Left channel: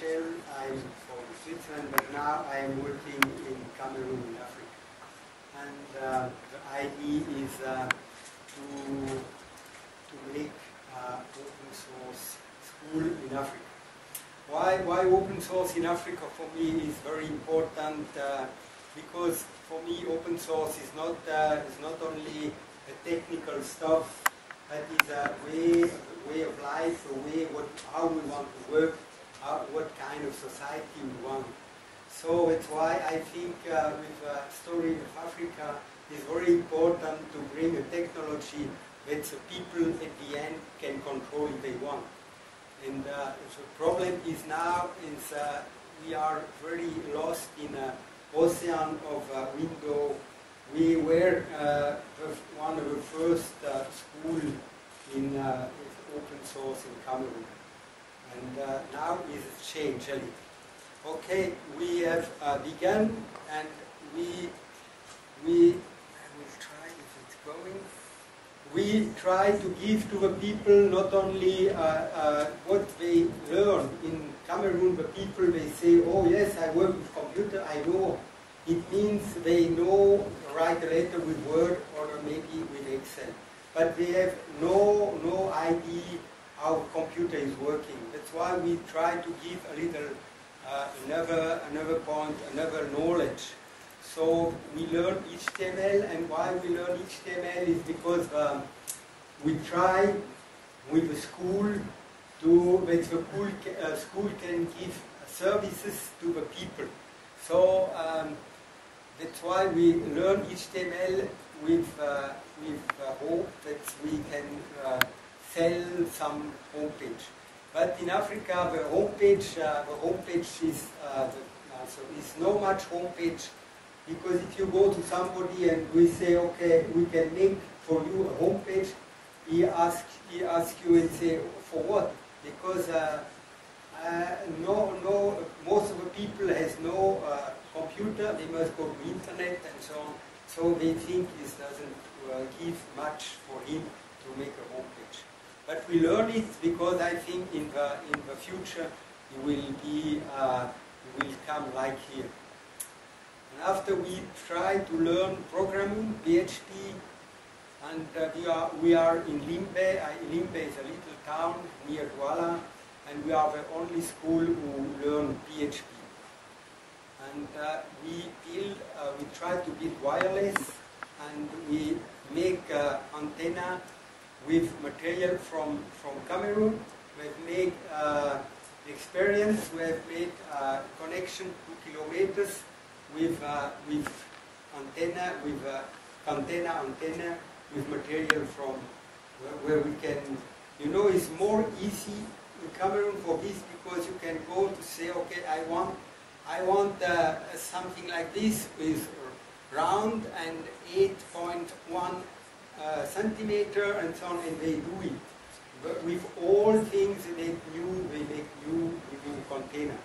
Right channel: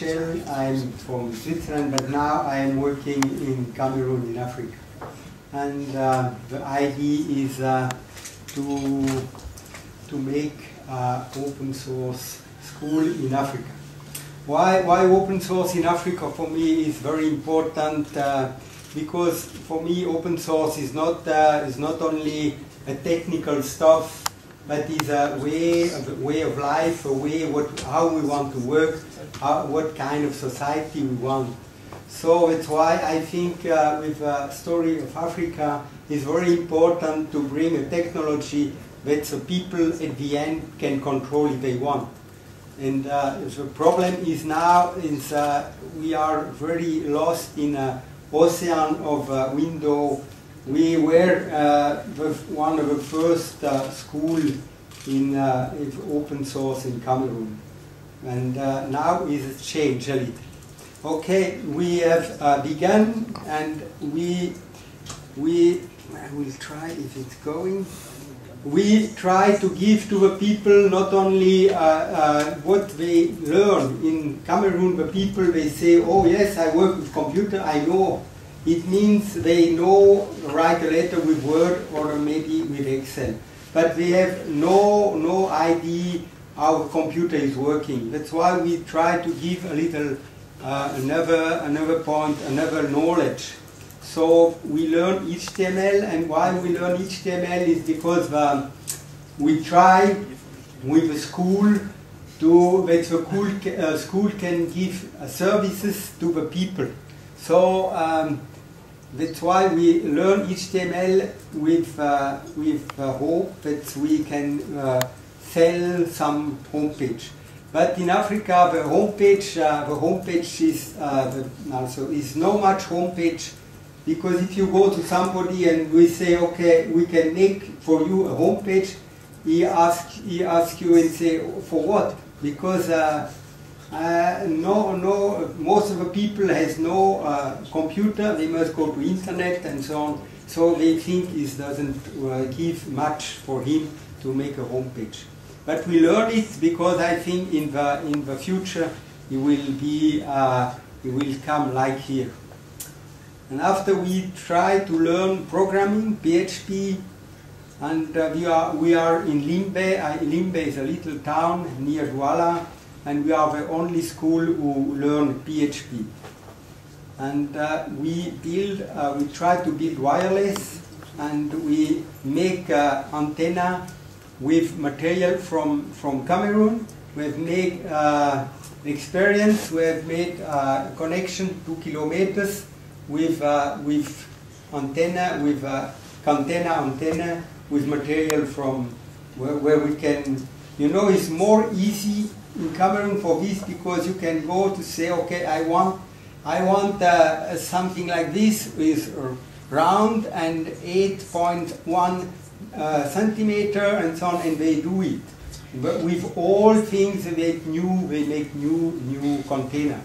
Michel. I'm from Switzerland, but now I'm working in Cameroon in Africa. And the idea is to make open source school in Africa. Why open source in Africa for me is very important, because for me open source is not only a technical stuff, but is a way of life, a way how we want to work, what kind of society we want. So it's why I think with the story of Africa, it's very important to bring a technology that the people at the end can control if they want. And the problem is now is we are very lost in an ocean of window. We were one of the first school in open source in Cameroon, and now it's changed a little. Okay, we have begun, and I will try if it's going. We try to give to the people not only what they learn. In Cameroon, the people, they say, oh yes, I work with computer, I know. It means they know write a letter with Word or maybe with Excel. But they have no idea how a computer is working. That's why we try to give a little another point, another knowledge. So we learn HTML, and why we learn HTML is because we try with the school that the school can give services to the people. So that's why we learn HTML with hope that we can sell some homepage. But in Africa, the homepage is also is no much homepage. Because if you go to somebody and we say, okay, we can make for you a homepage, he asks you and say, for what? Because most of the people has no computer, they must go to internet and so on. So they think it doesn't give much for him to make a homepage. But we learn it because I think in the future it will come like here. And after we try to learn programming, PHP, and we are in Limbe. Limbe is a little town near Douala, and we are the only school who learn PHP. And we try to build wireless, and we make antenna with material from Cameroon. We've made experience. We've made connection 2 kilometers. With antenna, with antenna, with material from where we can, it's more easy in Cameroon for this because you can go to say, okay, I want something like this with round and 8.1 centimeter and so on, and they do it. But with all things they make new container.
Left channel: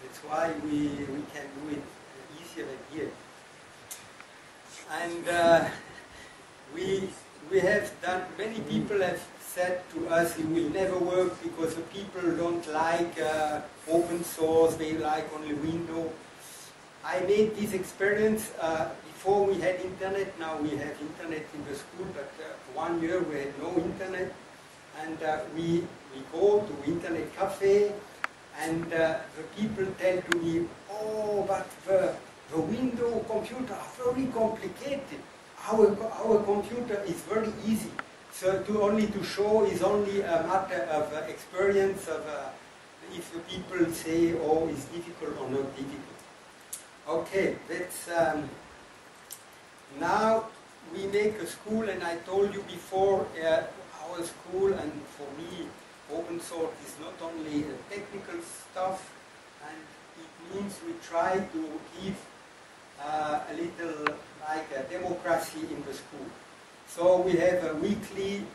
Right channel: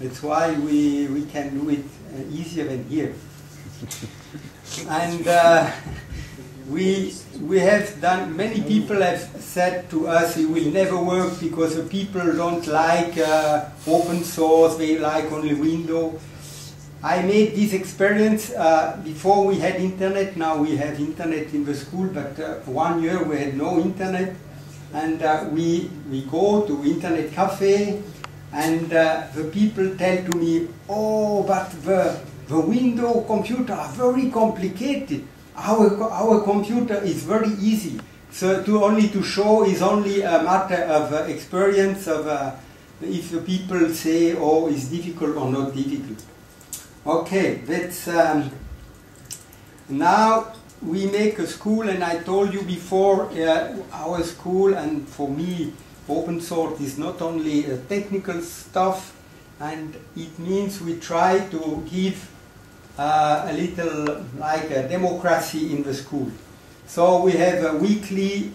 That's why we can do it easier than here. And we have done, many people have said to us it will never work because the people don't like open source, they like only Windows. I made this experience before we had internet. Now we have internet in the school, but 1 year we had no internet. And we go to internet cafe, and the people tell to me, oh, but the Windows computer are very complicated. Our computer is very easy. So to show is only a matter of experience of if the people say, oh, it's difficult or not difficult. Okay, that's now we make a school, and I told you before, our school, and for me, open source is not only technical stuff, and it means we try to give a little like a democracy in the school. So we have a weekly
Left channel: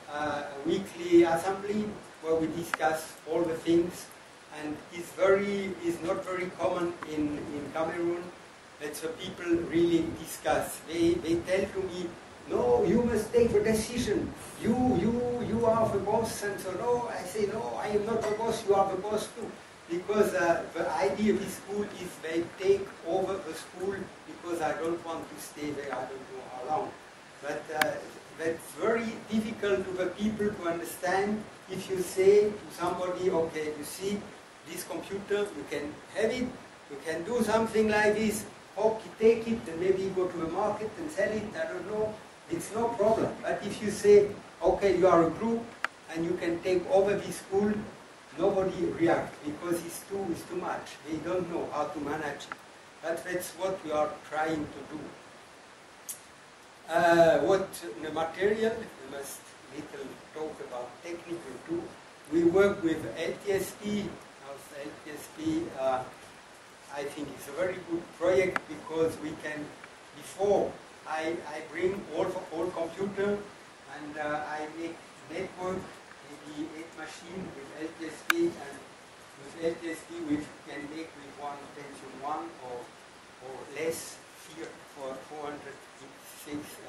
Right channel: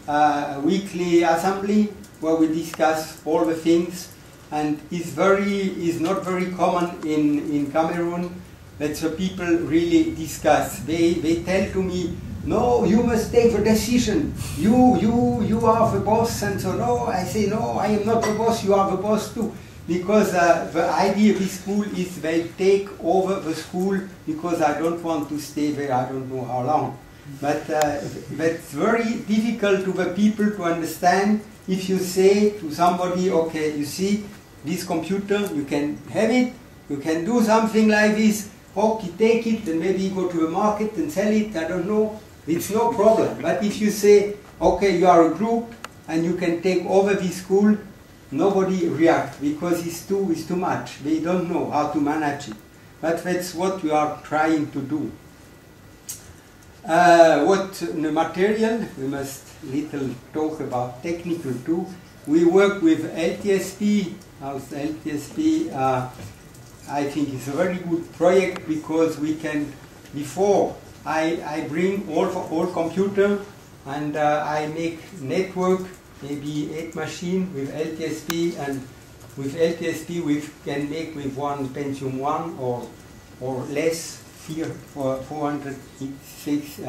assembly where we discuss all the things, and it's not very common in Cameroon that the people really discuss. They tell to me, no, you must take the decision. You are the boss, and so no, I say no, I am not the boss. You are the boss too. because the idea of this school is they take over the school because I don't want to stay there, I don't know how long. But that's very difficult to the people to understand if you say to somebody, okay, you see, this computer, you can have it, you can do something like this, okay, take it and maybe go to the market and sell it, I don't know, it's no problem. But if you say, okay, you are a group and you can take over this school, nobody reacts because it's too much. They don't know how to manage it. But that's what we are trying to do. What the material, we must little talk about technical too. We work with LTSP. Also LTSP, I think it's a very good project because we can, before I bring all computer and I make network, maybe 8 machines with LTSP, and with LTSP we can make with one Pentium 1 or less, 486,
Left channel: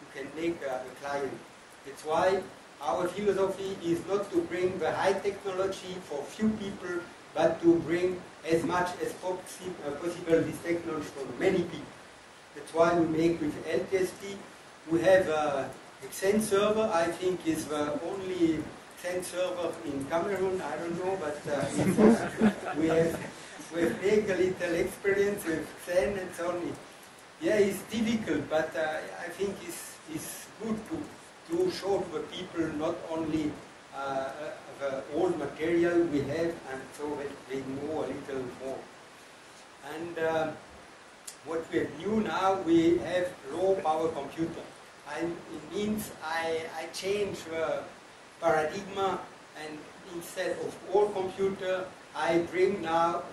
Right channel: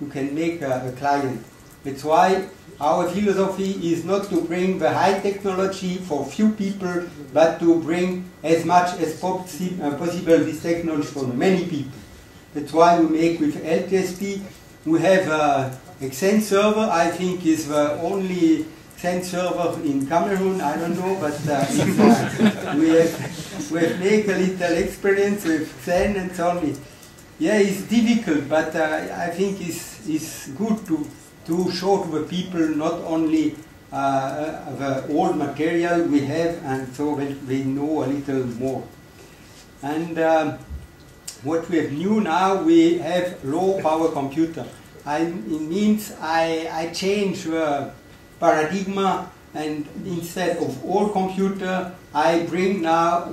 you can make a client. That's why our philosophy is not to bring the high technology for few people, but to bring as much as possible this technology for many people. That's why we make with LTSP. We have Xen server, I think is the only Xen server in Cameroon, I don't know, but we have made a little experience with Xen and so on. Yeah, it's difficult, but I think it's good to show to the people not only the old material we have, and so they know a little more. And what we have new now, we have low power computer. It means I change the paradigm, and instead of all computer, I bring now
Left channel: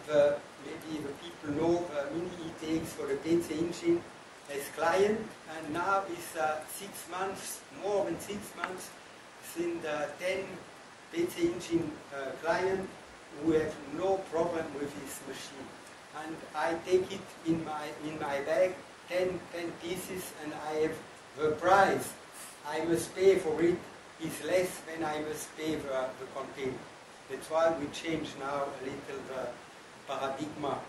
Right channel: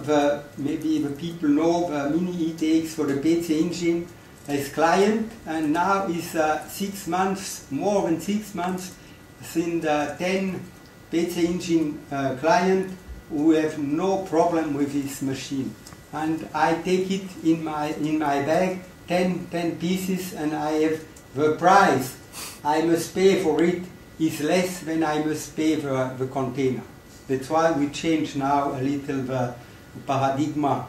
maybe the people know the mini ETX for the PC engine as client, and now is 6 months, more than 6 months, since 10 PC engine client who have no problem with this machine. And I take it in my bag, 10 pieces, and I have the price I must pay for it is less than I must pay the container. That's why we change now a little the paradigm